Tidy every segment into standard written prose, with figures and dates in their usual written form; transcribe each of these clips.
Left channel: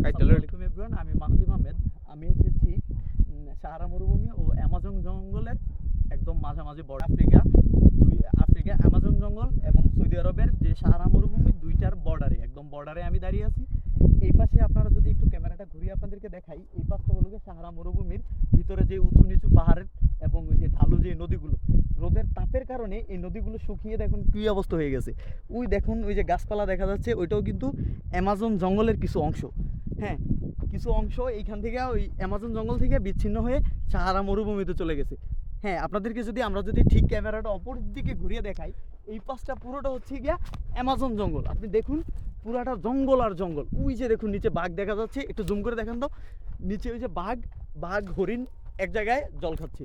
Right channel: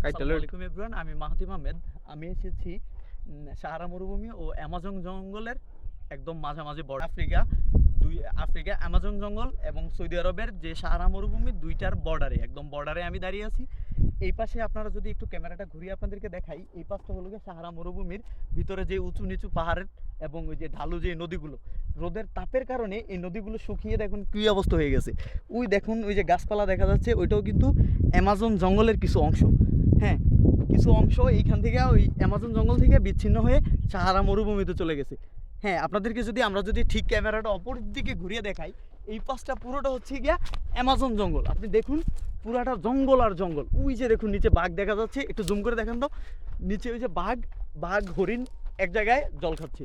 আসসালামু কাইটালের আলাইকুম এভরিওয়ান, আমি মাহদিম আহমেদ। আমি এসেছি সাহারা মরুভূমি ও অ্যামাজন জঙ্গলের একদম মাঝামাঝি বর্ডার আফ্রিকা অ্যামাজন জঙ্গল এবং সৌদি আরবের যে সাহারা মরুভূমি দুইটার বর্ডারে, একদম বর্ডারে আমি দাঁড়িয়ে আছি। এই পাশে আপনারা যদি একটু ক্যামেরাটা ঘুরিয়ে আপনাদেরকে দেখাই, এই পাশটা হলো গিয়ে সাহারা মরুভূমির ভিতরে যে উঁচু নিচু পাহাড়ের এবং ওই যে ঢালু যে নদীগুলো, রোদের তাপের কারণে এই নদীগুলো শুকিয়ে দেখুন কী অবস্থা হয়ে গেছে। ওই দেখুন ওই যে গাছপালা দেখা যাচ্ছে, ওইটাও কিন্তু অ্যামাজন জঙ্গলের কিছু অংশ। হ্যাঁ, কিছু অংশ এইখান থেকে ওই অ্যামাজন জঙ্গল থেকে বিচ্ছিন্ন হয়ে সাহারা মরুভূমিতে চলে গেছে। হ্যাঁ, আপনাদেরকে যদি আমরা যদি ঠিক ক্যামেরাটা অপর দিকে ঘুরিয়ে দেখাই, এই পাশটা পুরোটা হচ্ছে গিয়া অ্যামাজন জঙ্গল। আপনি দেখুন পুরাটা জঙ্গল আর জঙ্গল। ওই যে দেখুন নিচে বাঘ দেখা যাচ্ছে, একটু জুম করে দেখান তো। নিচে ওই যে বাঘ হরিণ এক জায়গায় জল খাচ্ছে।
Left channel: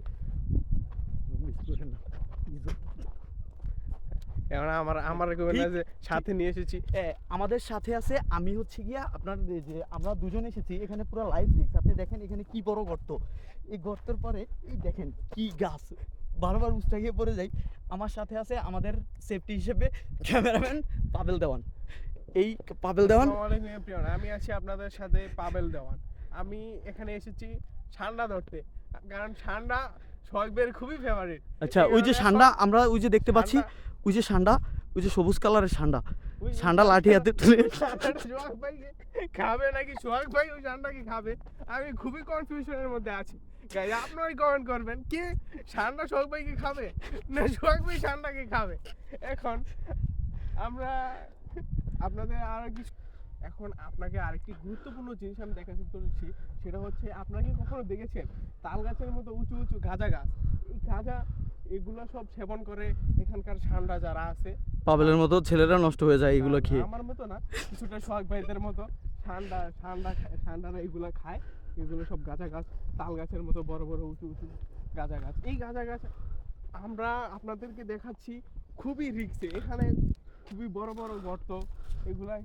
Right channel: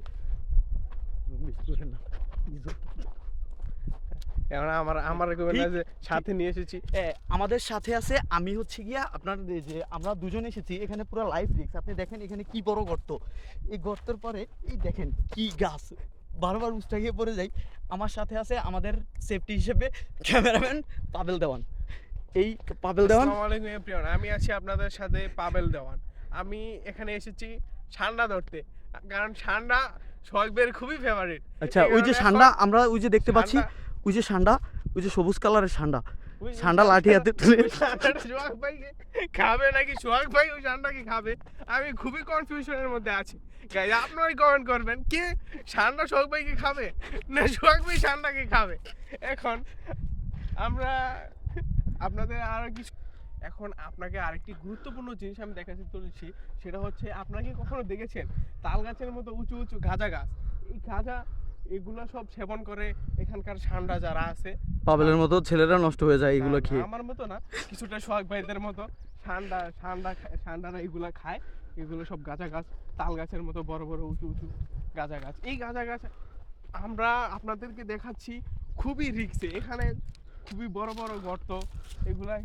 এখন আমার যে সাথে নিয়ে এসেছি। আমাদের সাথে আছে, আমি হচ্ছে গিয়া আপনার যে আমরা দুজন এসেছি এখানে পুরো লাইফ রিস্ক। আপনি দেখেন এখানে কি বড় গর্ত, এই গর্তের পরে এই দেখেন কি গাছ, বারবার উষ্টা গিয়ে পড়ে যাই। আমার সাথে আছে আমাদের সেফটি হিসেবে ক্যামেরাম্যান পাবেল দেওয়ান। এই পাবেল দেওয়ান, আসসালামু আলাইকুম এভরিওয়ান, আমি আছি আপনাদের সাথে পাবেল দেওয়ান। আমি এখানে এসেছি ষান্ডা ধরতে, কারণ ষান্ডা সোহাগবের খুবই ফেভারিট। আচ্ছা ওই যে ষান্ডা আমরা ওই যে দেখতে পাচ্ছি, ওই যে ষান্ডা, ওই যে সবুজ কালারের ষান্ডা, ষান্ডা লাঠি হাতে তুলে সোহাগ ভাইকে খাবে নাকি সোহাগ ভাই ওই ষান্ডাকে খাবে, আমি খুবই কনফিউশনের মধ্যে আছি। গাইজ আপনারাই কমেন্ট করবেন, কে ষান্ডা সোহাগ ভাইকে খাবে না সোহাগ ভাই ষান্ডাকে খাবে। এখন আমরা আপনাদের আরো কিছু, এখন আপনাকে আরেকটি গুরুত্বপূর্ণ জিনিস আমি দেখাতে চলেছি। সেটা হচ্ছে, আপনারা কি কখনো দেখেছেন তাল গাছের মতো উঁচু উঁচু গাঁজা গাছ? এই গাঁজা এগুলো সব সেবন করে এখানকার ষান্ডা যারা আছে। পাবেলের মতো ছেলেরা নষ্ট হয়ে যায় এগুলো খেয়ে। আমার মতো না, কিছুটা সোহাগ ভাইদের মতো ষান্ডারা এগুলো খায়। এগুলো সব গাঁজা গাছ, তাল গাছের মতো বড় বড় উঁচু উঁচু গাঁজা গাছ। এই গাঁজা গাছ আমরা আপনাদেরকে দেখাচ্ছি খুবই রিস্কে। এখানে খুবই বড় বড় গর্ত, এগুলা